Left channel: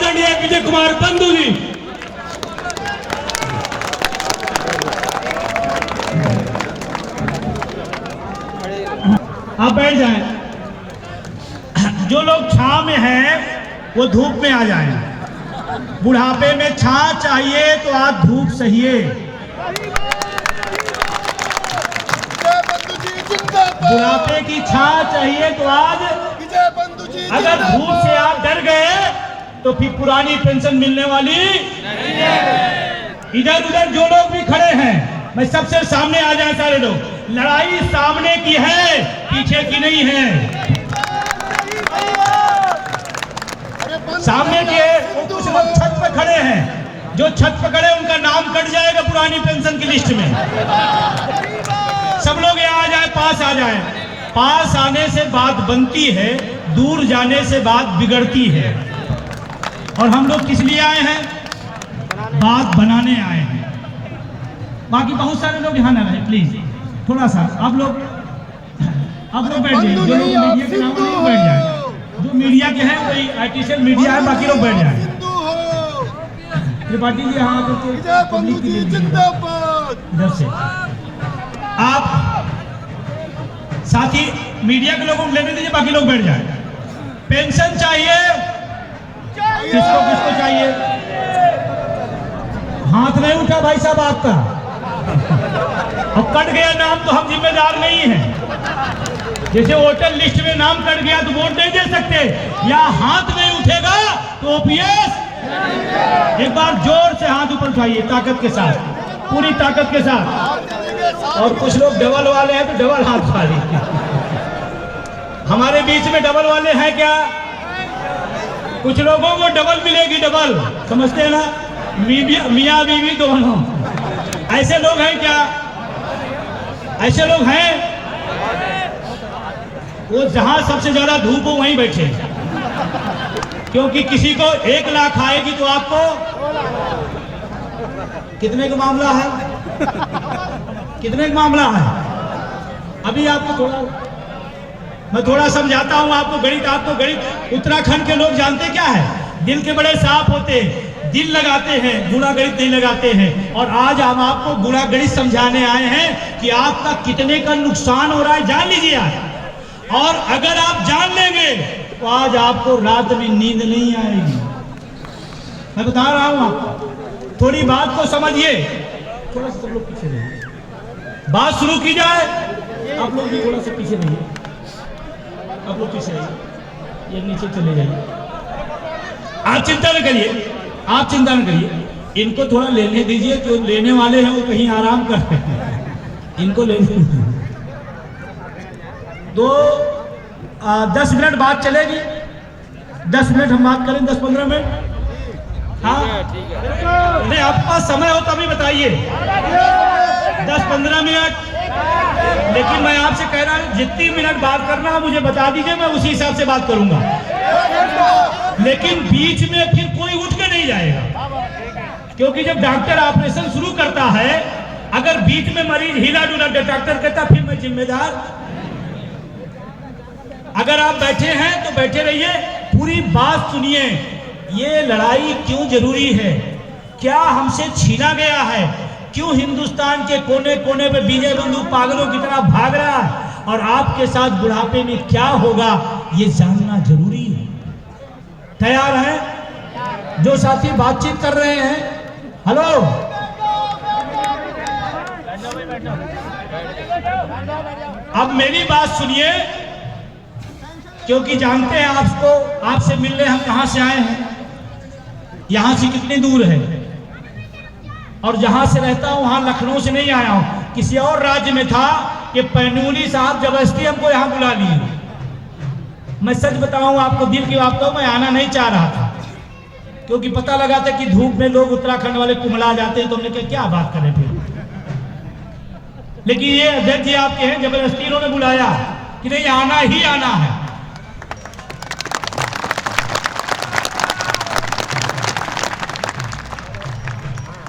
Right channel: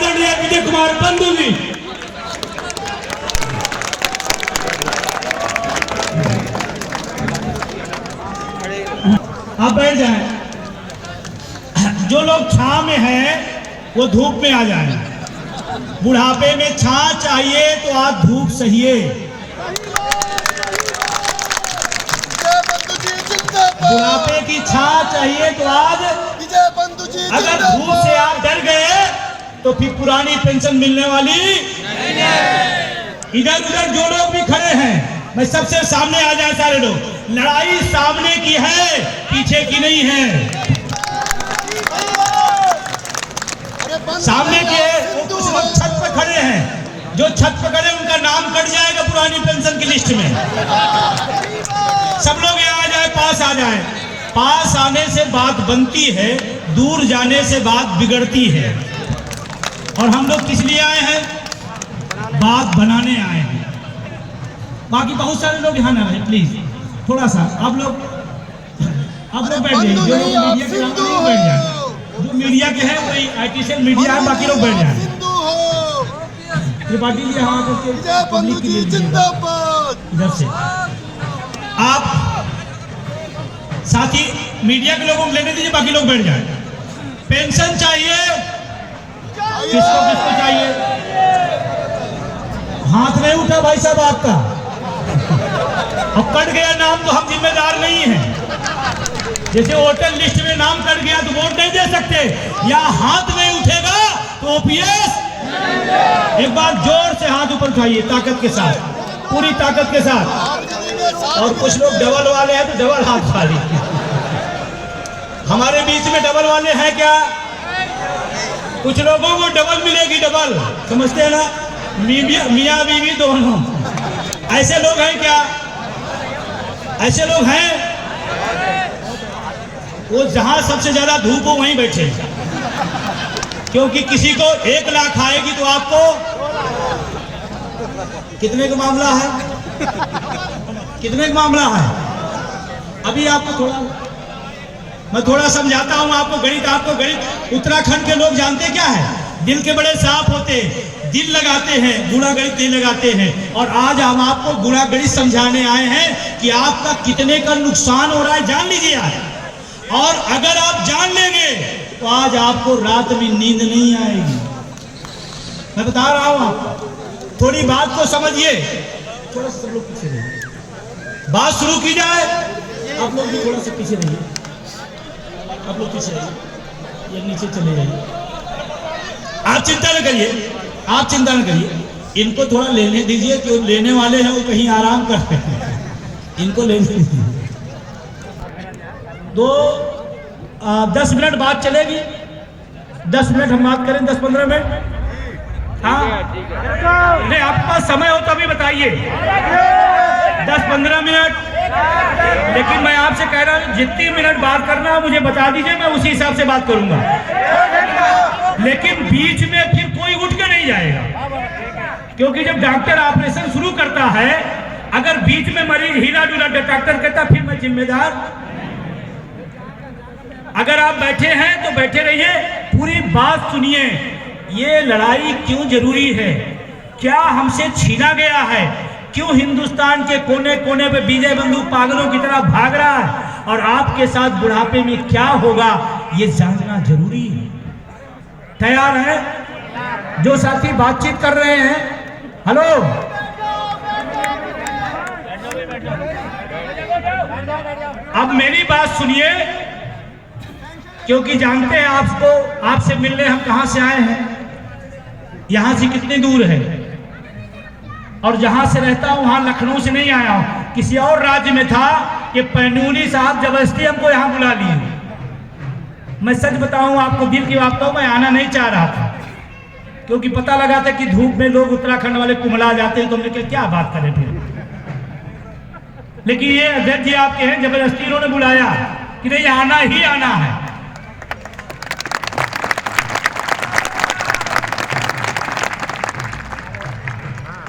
आदरणीय विजय कुमार बंधु जी। आप बैठ जाएं। जो लोग छांव में हैं वो धूप में आ जाएं। बुढ़ापे में छां चाहिए तो आज धूप सहिए। बुढ़ापे की छां चाहिए तो आज, अगर धूप से आप डर गए तो फिर पुरानी पेंशन मिलने वाली नहीं है। इधर उधर जो लोग भी खड़े हैं, मैं सबसे सामने आ जाए सारे लोग। लड़ाई सामने की है, पीछे की नहीं है। सामने के वो कुछ लोग छत पे खड़े हैं, जो छत पे खड़े उनका नाम कट जाएगा पुरानी पेंशन की लिस्ट में। सब लोग यहाँ आ जाए, पास आ जाए। पास आने से बात बनती है, दूर जाने से बात बिगड़ती है। और हम लोग किस लिए आए हैं? बात बनाने आए हैं। बाकी बहुत सारे लोग यहाँ ना रहे, प्लीज थोड़ा सा आप लोग बैठ जाइए। जो लोग मीडिया के नाम नहीं बैठ जाए, जो मीडिया के हैं वही आर्टिफिशियल मीडिया है, बाकी लोग बैठ जाए। त्रिपाठी जी यहाँ आकर पब्लिक के लिए इधर से आप साथी मीडिया के लोगों को लेने दीजिए, बाकी लोग बैठ जाए। पेंशन चाहिए, किसको किसको चाहिए? हाथ नहीं उठा भाई साहब आपका। अब कट गया नाम तो हम जिम्मेदार नहीं हैं। जैसे वोटर लिस्ट में नाम कट गया तो वोट नहीं दे सकते, या हाथ नहीं उठेगा तो ओपीएस। एक बार जोर से हाथ ऊपर उठाइए, ताकत के साथ, पूरी ताकत के साथ। और कुछ लोग डबल वाले हैं तो डबल हाथ उठा लीजिए। हमारे बीच में डबल वाले हैं क्या? कुछ लोगों को डबल मिलेगी, डबल, समझते हैं ना, मियाँ बीवी दोनों। ऐसे लोग हैं क्या? ऐसे लोग हैं? वो जहां सबसे ज्यादा धूप हो वहीं बैठे, क्योंकि किसी को 1 लाख आएगी तो आपको कितने का मामला है? कितने का मामला है? अभी आपको मैं थोड़ा समझाता हूं आपको गणित। आपको गणित उत्तराखंड के लोग जानते क्या है? दिल के बड़े साफ होते, दिल लगाते हैं, गुणा गणित नहीं लगाते हैं। और आज हम आपको गुणा गणित समझाने आए हैं कि आपका कितने का नुकसान हो रहा है, जान लीजिए आप। और अगर आप जान लेंगे तो आज आपको रात में नींद नहीं आएगी। मैं बता रहा हूं आपको, थोड़ी बात को समझिए। थोड़ा सा लोग पीछे रहिए, बात शुरू की जाए। आप लोग भी थोड़ा सा पीछे रहिए, आप लोग पीछे रहिए, ये नीचे चले जाइए। आप चिंता न करिए, आप चिंता न करिए। इनको थोड़ा लेने दीजिए, जो लेने वाले हैं वो कहीं आराम कर रहे हैं, इनको लेने दीजिए। 10 मिनट बात चलेगी, 10 मिनट हम बात करें, 10-15 मिनट। हाँ नहीं, आपका समय हो तभी बताइए, 10-15 मिनट। लेकिन मैं आपसे कह रहा हूँ जितनी मिनट बात करना हो मुझे बता दीजिए, मैं उसी हिसाब से बात करूंगा। लेकिन बीच में फिर कोई उठ के नहीं जाएगा, क्योंकि जब डॉक्टर ऑपरेशन शुरू करता है, अगर बीच में मरीज हिला डुला डॉक्टर कहता फिर मैं जिम्मेदार। अगर आप बैठे हैं तो बैठे रहिए, पूरी बात सुनिए। ये लड़ाई क्यों जरूरी है, क्या हमसे छीना गया है, क्यों हिंदुस्तान के कोने कोने पे विजय बंधु पागलों की तरह भाग रहा है, और आपके साथ बुढ़ापे में क्या होगा ये जानना जरूरी है। तैयार हैं? जो साथी बातचीत कर रहे हैं, हेलो, अब मेरी बात सुनिए, क्योंकि जानते हैं आपसे मिलने हम कहां से आए हैं, यहां से कितनी दूर है। और जहां से रहता हूं वहां लखनऊ से नहीं आया हूं, किसी और राज्य में था। ये पैनूली साहब जबरदस्ती हमको यहां बुला लिए। मैं सच बताऊं आपको, दिल की बात कहूं, मैं आना नहीं चाह रहा था, क्योंकि पता लगा था कि धूप में लोग उत्तराखंड वाले कुमला जाते हैं, तो हमने क्या बात करें फिर। लेकिन ये अध्यक्ष जी आपके हैं, जबरदस्ती इन्होंने बुलाया कि नहीं आना ही आना है।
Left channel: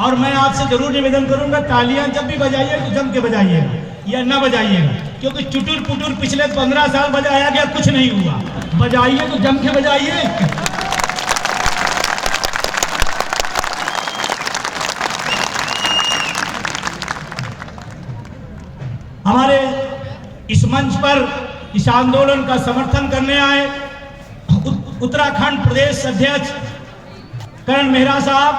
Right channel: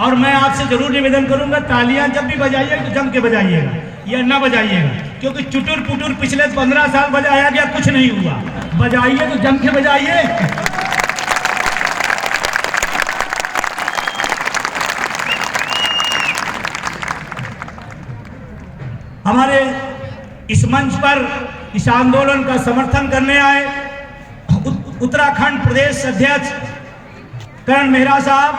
और मैं आपसे जरूर निवेदन करूंगा, तालियां जब भी बजाइए तो जम के बजाइएगा, या ना बजाइएगा, क्योंकि चुटुर पुटुर पिछले 15 साल बजाया गया, कुछ नहीं हुआ। बजाइए तो जम के बजाइए। मंच पर इस आंदोलन का समर्थन करने आए उत्तराखंड प्रदेश अध्यक्ष करण मेहरा साहब,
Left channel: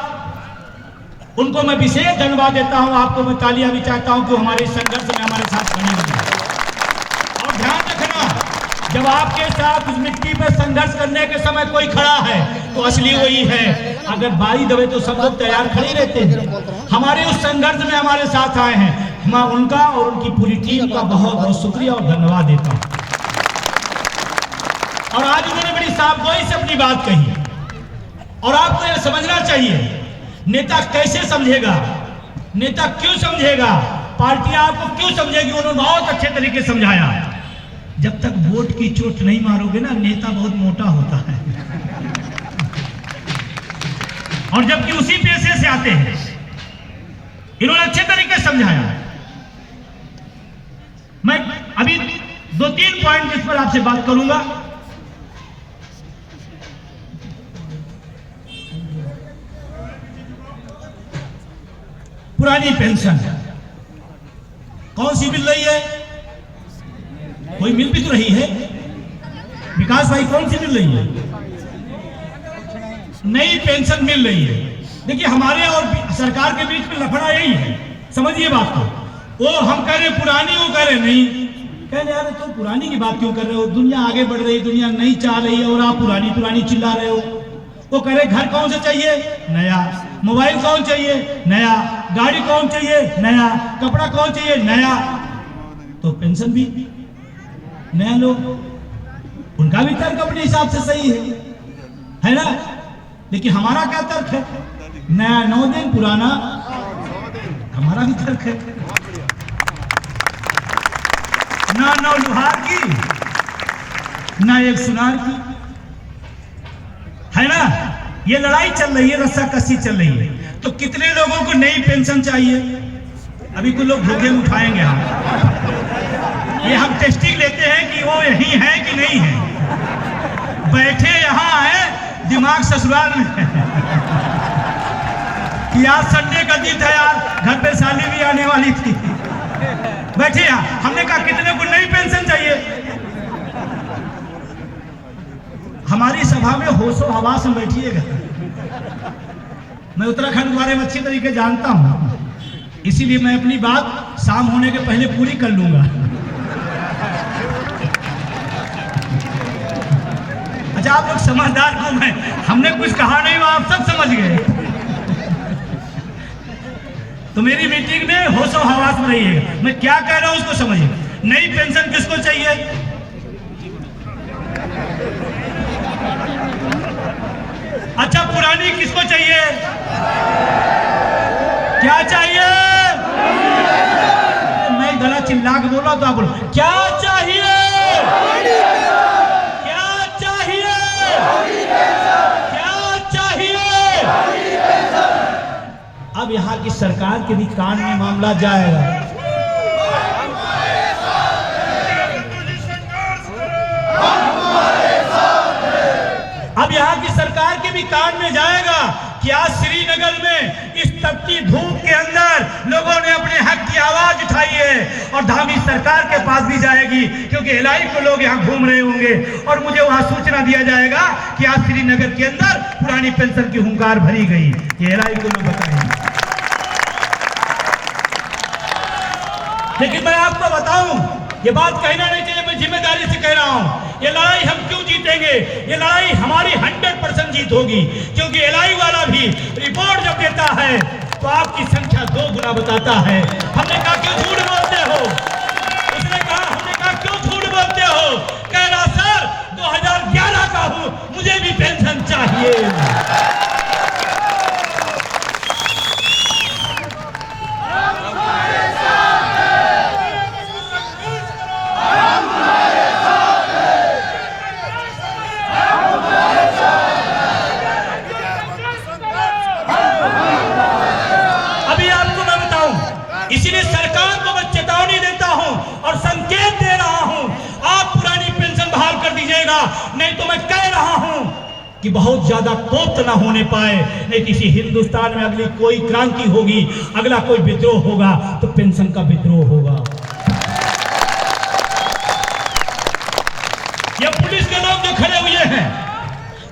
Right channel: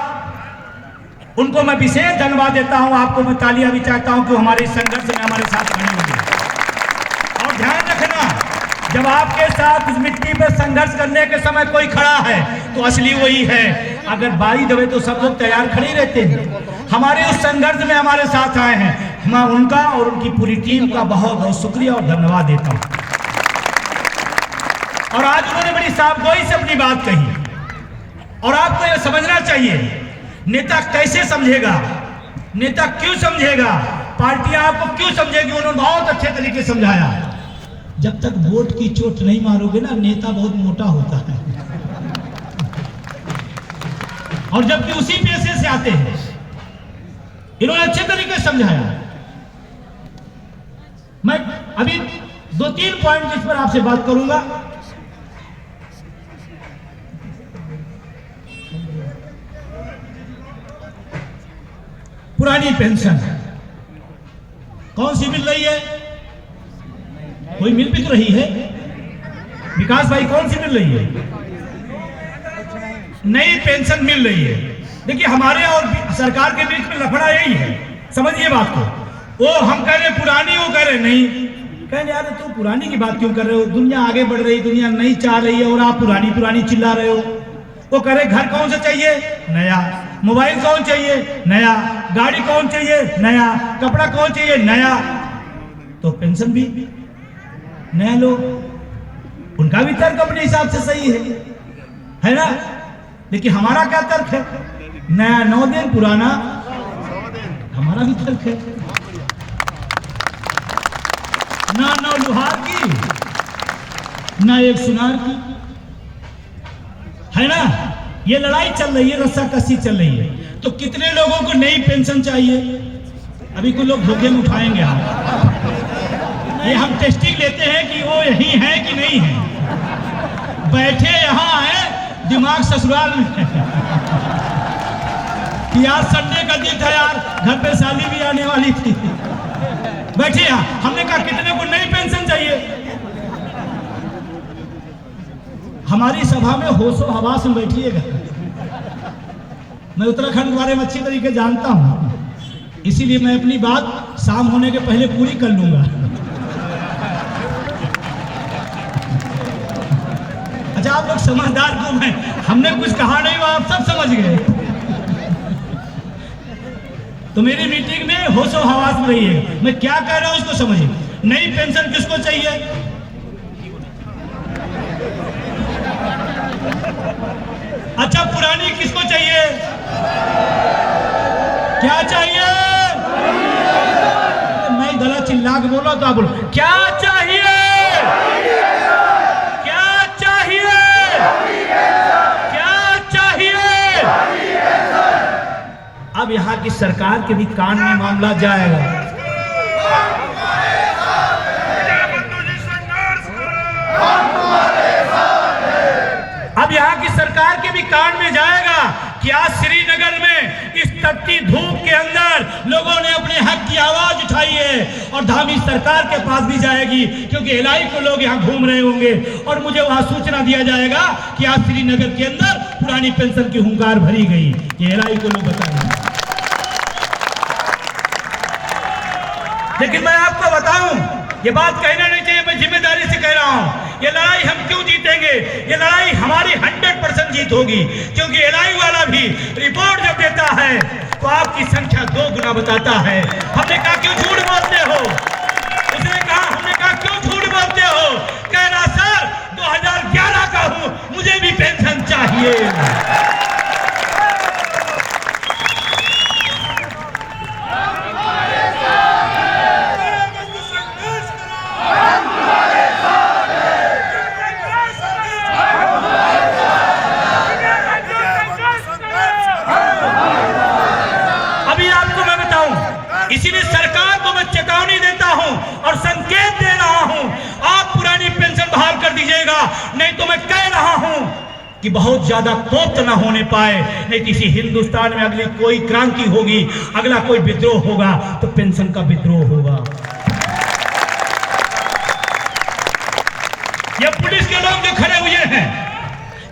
उनको मैं विशेष धन्यवाद देता हूं। आपको मैं तालियां भी चाहता हूं कि हमारे संघर्ष में हमारे साथ खड़े हुए। और ध्यान रखना, जब आपके साथ उस मिट्टी पे संघर्ष करने के समय कोई खड़ा है तो असली वही है। अगर बारी दबे तो सब लोग तैयार खड़े रहते हैं। हमारे उस संघर्ष में हमारे साथ आए हैं, मैं उनका और उनकी पूरी टीम का बहुत बहुत शुक्रिया और धन्यवाद देता हूं। और आज उन्होंने बड़ी साफगोई से अपनी बात कही और आपको यह समझना चाहिए, नेता कैसे समझेगा, नेता क्यों समझेगा, पार्टी आपको क्यों समझेगी। उन्होंने बहुत अच्छे तरीके से समझाया। जब तक वोट की चोट नहीं मारोगे ना, नेता बहुत मोटा होता है। और जबकि उसी पेशे से आते हैं, इन्होंने अच्छे तरीके से समझाया। मैं अभी 2-3 पॉइंट इस पर आपसे बात करूंगा। पुरानी पेंशन कौन सी मिल रही है? कोई मिल भी तो रही है। विकास भाई, कौन सी मिल रही है? नई पेंशन मिल रही है। देखिए, हमारे और सरकार के बीच में लफड़ा यही है, समझिए बात को। वो हम कह रहे पुरानी, वो कह रहे नहीं। कह रहे यार तुम पुरानी की बात क्यों कर रहे हो? दुनिया आगे बढ़ रही, दुनिया नहीं चाह रही है और आप पुरानी पुरानी चिल्ला रहे हो। वो कह रहे घर कौन सा चाहिए? नया। मोबाइल कौन चाहिए? नया। गाड़ी कौन चाहिए? नया। कपड़ा कौन चाहिए? नया। तो पेंशन भी नया लो। उनका भी तर्क अपने हिसाब से सही है ना? लेकिन हमारा क्या तर्क है? नया 9 दिन, पुराना हमारा भी तर्क है। ना 9 लुहार की, ना 1 सुनार की, है ना? ये लड़ाई चल रही है, रस्साकसी चल रही है। तो कितने लोगों को नई पेंशन चाहिए? अभी कुछ लोग धोखे में उठाएंगे। हम टेस्टिंग लेते हैं कि वो यही है कि नहीं है। बैठे यहाँ है, दिमाग ससुराल में है। यार संडे का दिन था यार, घर पे साली भी आने वाली थी। बैठे यहाँ, हमने कहा कितने को नई पेंशन चाहिए? हमारी सभा में होशो हवास में बैठिएगा। मैं उत्तराखंड के बारे में अच्छी तरीके जानता हूं, इसीलिए मैं अपनी बात शाम होने के पहले पूरी कर लूंगा। अच्छा, आप लोग समझदार क्यों हैं? हमने कुछ कहा नहीं, वो आप सब समझ गए। तो मेरी मीटिंग में होशो हवास में रहिएगा। मैं क्या कह रहा हूं उसको समझिए। नई पेंशन किसको चाहिए? अच्छा, पुरानी किसको चाहिए? क्या चाहिए? मैं गला चिल्ला के बोला तो आप बोलो क्या चाहिए? क्या चाहिए? क्या चाहिए? अब यहाँ की सरकार के भी कान में मामला जाएगा। अब यहाँ की सरकार के भी कान में जाएगा कि आज श्रीनगर में इस तपती धूप के अंदर लोगों ने अपने हक की आवाज उठाई है और धामी सरकार के पास भी जाएगी, क्योंकि एलआई को लोग यहाँ घूम रहे होंगे और मुझे वहां सूचना दिया जाएगा कि आज श्रीनगर के अंदर पुरानी पेंशन की हुंकार भरी गई। ये एलआई को लोग बताएंगे। लेकिन मैं आपको बताऊं, ये बात कहना नहीं चाहिए, मैं जिम्मेदारी से कह रहा हूं। ये लड़ाई हम क्यों जीतेंगे? ये लड़ाई हमारी 100% जीत होगी, क्योंकि एलआई वाला भी रिपोर्ट जब देता है तो आपकी संख्या 2 गुना बताता है। हमने कहा क्यों झूठ बोलते हो? उसने कहा, हमने कहा क्यों झूठ बोलते हो? कह रहा सर 2011 का हूं, मुझे भी पेंशन चाहिए। इसीलिए सरकार को मैं चेतावनी देता हूं और संकेत दे रहा हूं, आप पुरानी पेंशन बहाल कर दीजिएगा, नहीं तो मैं कह रहा हूं कि बहुत ज्यादा कोप्त न होने पाए, नहीं किसी हिंदुस्तान में अगली कोई क्रांति होगी, अगला कोई विद्रोह होगा तो पेंशन का विद्रोह होगा। ये पुलिस के लोग जो खड़े हुए हैं,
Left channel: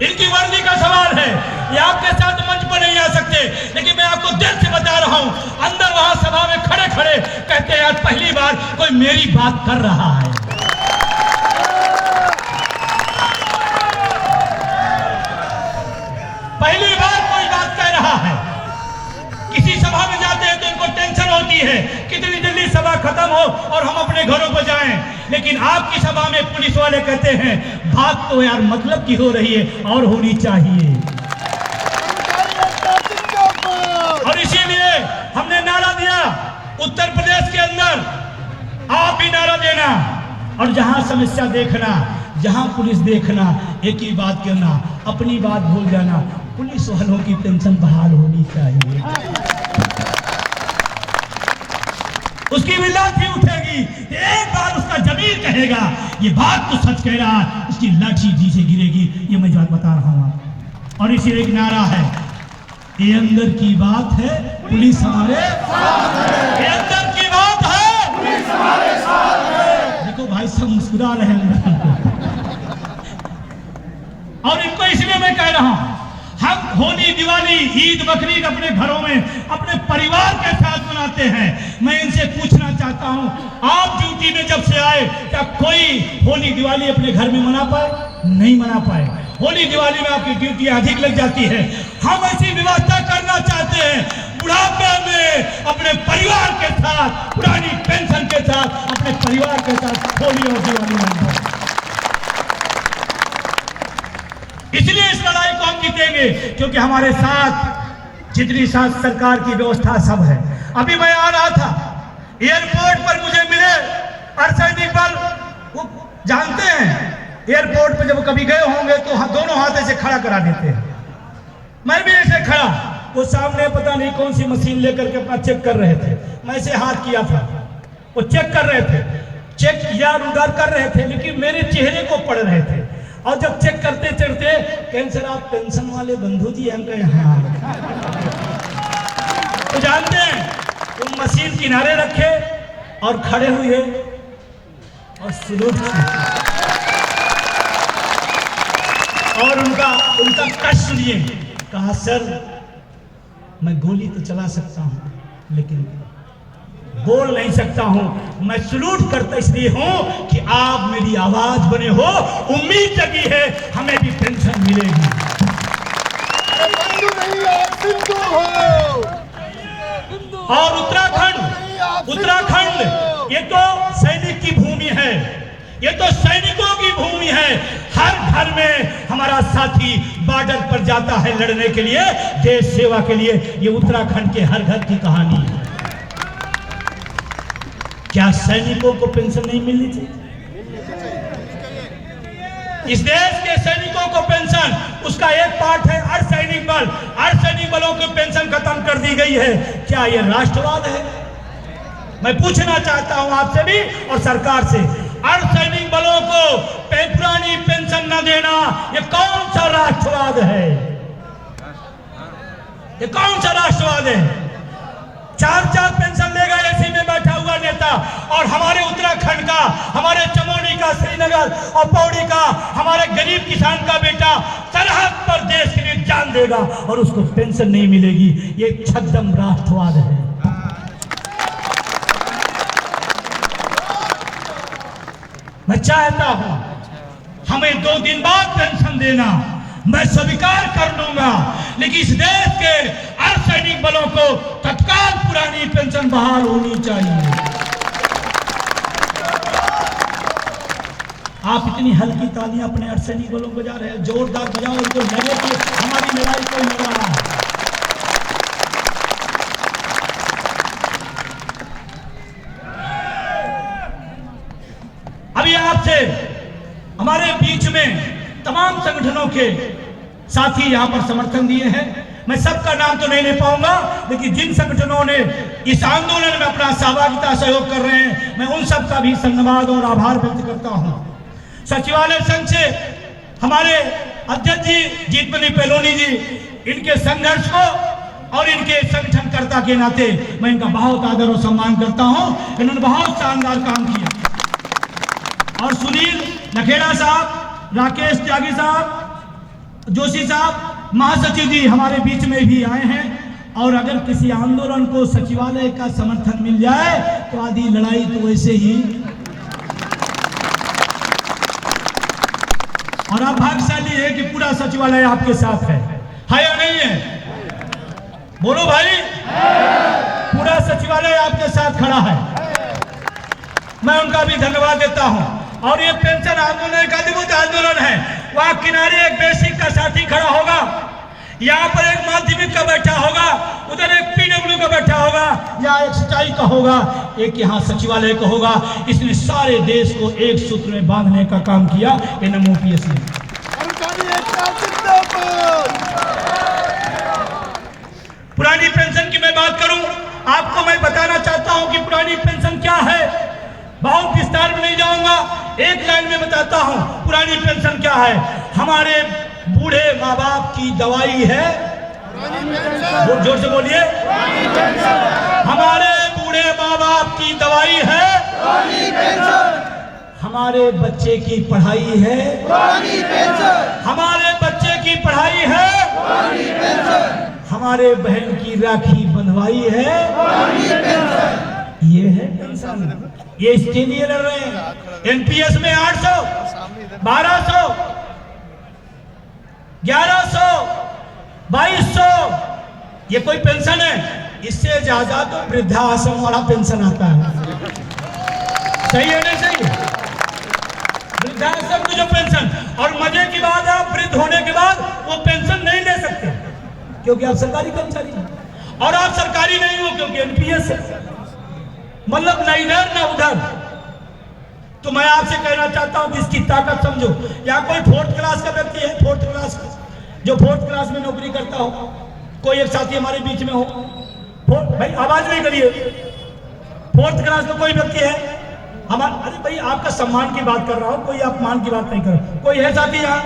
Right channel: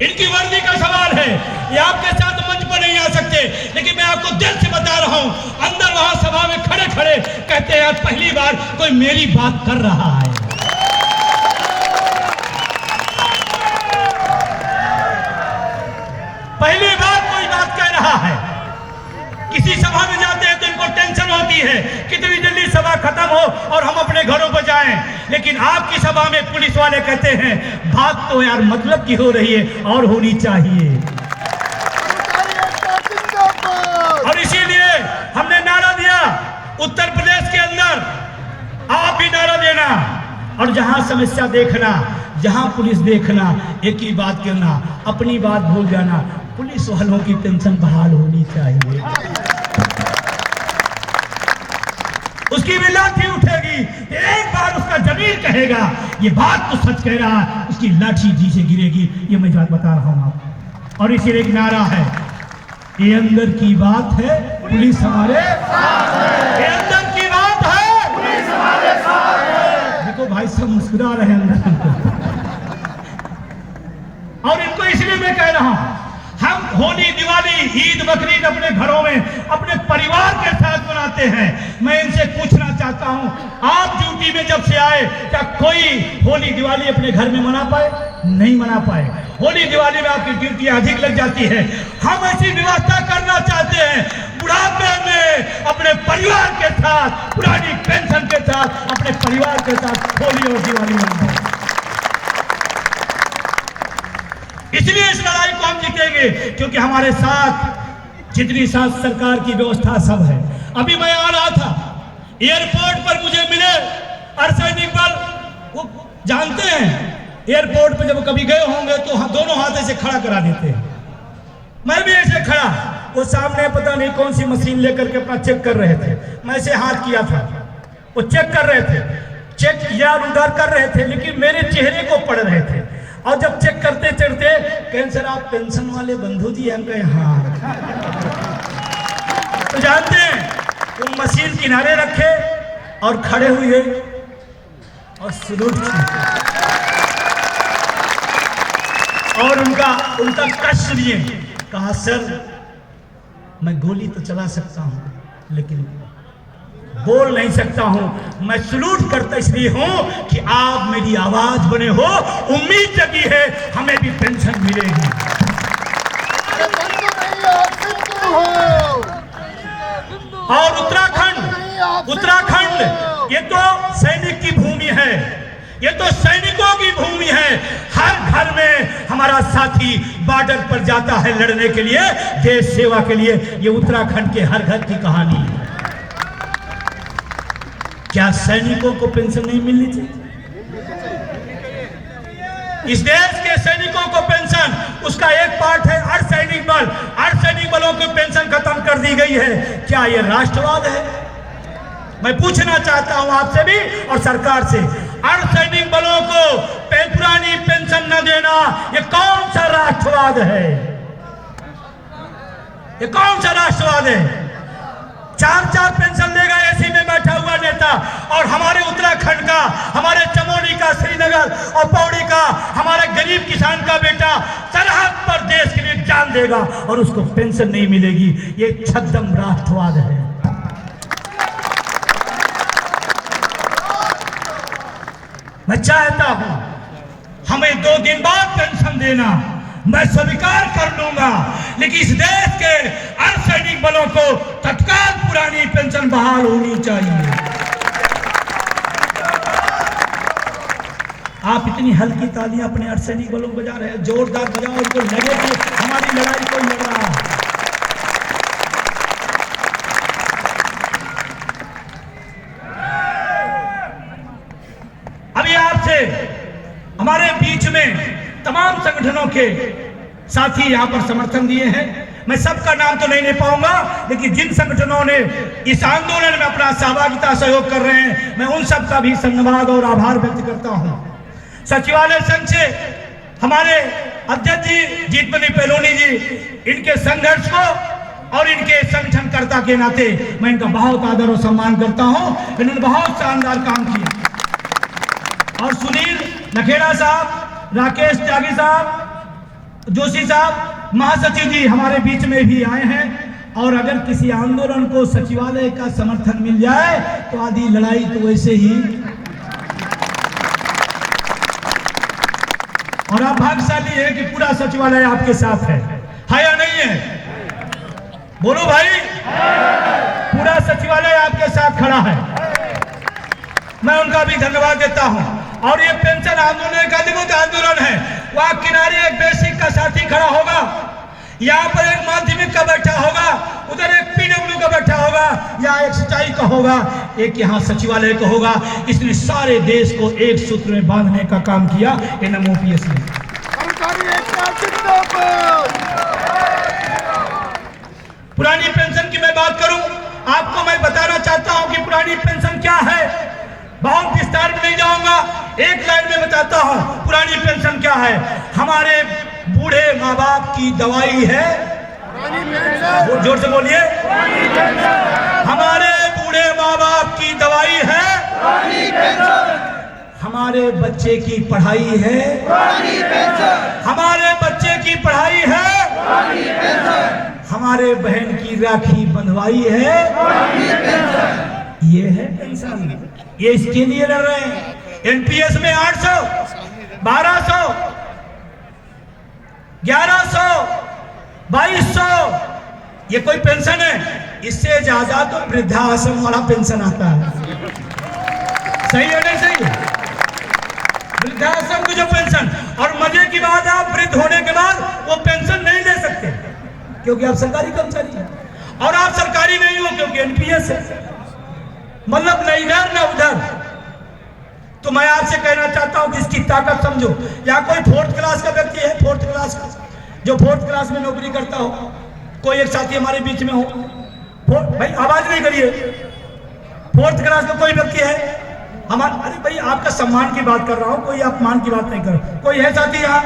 इनकी वर्दी का सवाल है। ये आपके साथ मंच पर नहीं आ सकते, लेकिन मैं आपको दिल से बता रहा हूं, अंदर वहां सभा में खड़े खड़े कहते हैं आज पहली बार कोई मेरी बात कर रहा है। पहली बार कोई बात कह रहा है। किसी सभा में जाते हैं तो इनको टेंशन होती है कितनी जल्दी सभा खत्म हो और हम अपने घरों पर जाएं, लेकिन आपकी सभा में पुलिस वाले कहते हैं बात तो यार मतलब की हो रही है और होनी चाहिए। और इसीलिए हमने नारा दिया उत्तर प्रदेश के अंदर, आप भी नारा देना और जहां समस्या देखना, जहां पुलिस देखना, एक ही बात कहना, अपनी बात भूल जाना, पुलिस वालों की पेंशन बहाल होनी चाहिए। उसकी भी लाठी उठेगी, एक बार उसका जमीन कहेगा ये बात तो सच कह रहा है, उसकी लाठी नीचे गिरेगी। ये मैं बात बता रहा हूं आपको। और इसे एक नारा है, ये अंदर की बात है पुलिस हमारे साथ है। ये अंदर की बात है पुलिस हमारे साथ है। देखो भाई सब मुस्कुरा रहे हैं और इनको इसलिए मैं कह रहा हूं, हम होली, दिवाली, ईद, बकरीद अपने घरों में अपने परिवार के साथ मनाते हैं। मैं इनसे पूछना चाहता हूं, आप ड्यूटी में जब से आए क्या कोई होली दिवाली अपने घर में मना पाए? नहीं मना पाए। होली दिवाली में आपकी ड्यूटी अधिक लग जाती है। हम ऐसी व्यवस्था करना चाहते हैं, बुढ़ापे में अपने परिवार के साथ, पुरानी पेंशन के साथ अपने परिवार के साथ होली और दिवाली मनाएं। इसलिए इस लड़ाई को हम जीतेंगे क्योंकि हमारे साथ जितनी साथ सरकार की व्यवस्था सब है। अभी मैं आ रहा था, एयरपोर्ट पर मुझे मिले अर्धसैनिक बल, वो जानते हैं एयरपोर्ट पर जब कभी गए होंगे तो हम दोनों हाथ ऐसे खड़ा करा देते हैं। मैं भी ऐसे खड़ा, वो सामने पता नहीं कौन सी मशीन लेकर के अपना चेक कर रहे थे, मैं ऐसे हाथ किया था, वो चेक कर रहे थे, चेक किया उधर कर रहे थे, लेकिन मेरे चेहरे को पढ़ रहे थे। और जब चेक करते चढ़ते कैंसर आप पेंशन वाले बंधु जी हम गए हाँ, तो जानते हैं वो मशीन किनारे रखे और खड़े हुए और सलूट और उनका कष्ट लिए, कहा सर मैं गोली तो चला सकता हूं लेकिन बोल नहीं सकता हूं। मैं सलूट करता इसलिए हूं कि आप मेरी आवाज बने हो, उम्मीद जगी है हमें भी पेंशन मिलेगी। और उत्तराखंड ये तो सैनिक की भूमि है, ये तो सैनिकों की भूमि है। हर घर में हमारा साथी बॉर्डर पर जाता है लड़ने के लिए, देश सेवा के लिए। ये उत्तराखंड के हर घर की कहानी है। क्या सैनिकों को पेंशन नहीं मिलनी चाहिए? इस देश के सैनिकों को पेंशन, उसका एक पार्ट है अर्धसैनिक बल। अर्धसैनिक बलों की पेंशन खत्म कर दी गई है। क्या यह राष्ट्रवाद है? मैं पूछना चाहता हूं आपसे भी और सरकार से, अर्धसैनिक बलों को पुरानी पेंशन न देना ये कौन सा राष्ट्रवाद है? ये कौन सा राष्ट्रवाद है? 4-4 पेंशन देगा एसी में बैठा हुआ नेता, और हमारे उत्तराखंड का, हमारे चमोली का, श्रीनगर और पौड़ी का हमारे गरीब किसान का बेटा सरहद पर देश के लिए जान देगा और उसको पेंशन नहीं मिलेगी। ये छद्म राष्ट्रवाद है। मैं चाहता हूं हमें 2 दिन बाद पेंशन देना मैं स्वीकार कर लूंगा, लेकिन इस देश के अर्धसैनिक बलों को तत्काल पुरानी पेंशन बहाल होनी चाहिए। आप इतनी हल्की तालियां अपने अर्धसैनिक बलों को जा रहे हैं, जोरदार बजाओ, इनको लगे कि हमारी लड़ाई कोई लड़ रहा है। अभी आपसे हमारे बीच में तमाम संगठनों के साथी यहां पर समर्थन दिए हैं। मैं सबका नाम तो नहीं ले पाऊंगा, लेकिन जिन संगठनों ने इस आंदोलन में अपना सहभागिता सहयोग कर रहे हैं, मैं उन सब का भी धन्यवाद और आभार व्यक्त करता हूं। सचिवालय संघ से हमारे अध्यक्ष जी जीतमणि पेलोनी जी, इनके संघर्ष को और इनके संगठनकर्ता के नाते मैं इनका बहुत आदर और सम्मान करता हूं। इन्होंने बहुत शानदार काम किया। और सुनील नखेड़ा साहब, राकेश त्यागी साहब, जोशी साहब, महासचिव जी हमारे बीच में भी आए हैं। और अगर किसी आंदोलन को सचिवालय का समर्थन मिल जाए तो आधी लड़ाई तो वैसे ही। और आप भाग्यशाली है कि पूरा सचिवालय आपके साथ है या नहीं है? बोलो भाई, पूरा सचिवालय आपके साथ खड़ा है। मैं उनका भी धन्यवाद देता हूं। और ये पेंशन आंदोलन एक अद्भुत आंदोलन है। वहां किनारे एक बेसिक का साथी खड़ा होगा, यहाँ पर एक माध्यमिक का बैठा होगा, उधर एक पीडब्ल्यू का बैठा होगा, या एक सिंचाई का होगा, एक यहाँ सचिवालय का होगा। इसने सारे देश को एक सूत्र में बांधने का काम किया NMOPS ने। पुरानी पेंशन की मैं बात करूं, आपको मैं बताना चाहता हूं कि पुरानी पेंशन क्या है। बहुत विस्तार में नहीं जाऊंगा, एक लाइन में बताता हूं पुरानी पेंशन क्या है। हमारे बूढ़े माँ बाप की दवाई है, जोर से बोलिए, हमारे बूढ़े माँ बाप की दवाई है, हमारे बच्चे की पढ़ाई है, हमारे बच्चे की पढ़ाई है, हमारे बहन की राखी बंधवाई है, ये है पेंशन। ये इसके लिए लड़ रहे हैं। NPS में 800, 1200, 1100, 2200, ये कोई पेंशन है? इससे ज्यादा तो वृद्धाश्रम वाला पेंशन आता है। सही है ना? सही, वृद्धाश्रम की जो पेंशन। और मजे की बात है, आप वृद्ध होने के बाद वो पेंशन नहीं ले सकते क्योंकि आप सरकारी कर्मचारी हैं। और आप सरकारी नहीं हो क्योंकि NPS है, मतलब न इधर न उधर। तो मैं आपसे कहना चाहता हूं कि इसकी ताकत समझो। या कोई 4th क्लास का व्यक्ति है, 4th क्लास का, जो 4th क्लास में नौकरी करता हो, कोई एक साथी हमारे बीच में हो, भाई आवाज नहीं करिए, 4th क्लास में कोई व्यक्ति है हमारे, अरे भाई आपका सम्मान की बात कर रहा हूं, कोई अपमान की बात नहीं कर रहा। कोई है साथी यहाँ?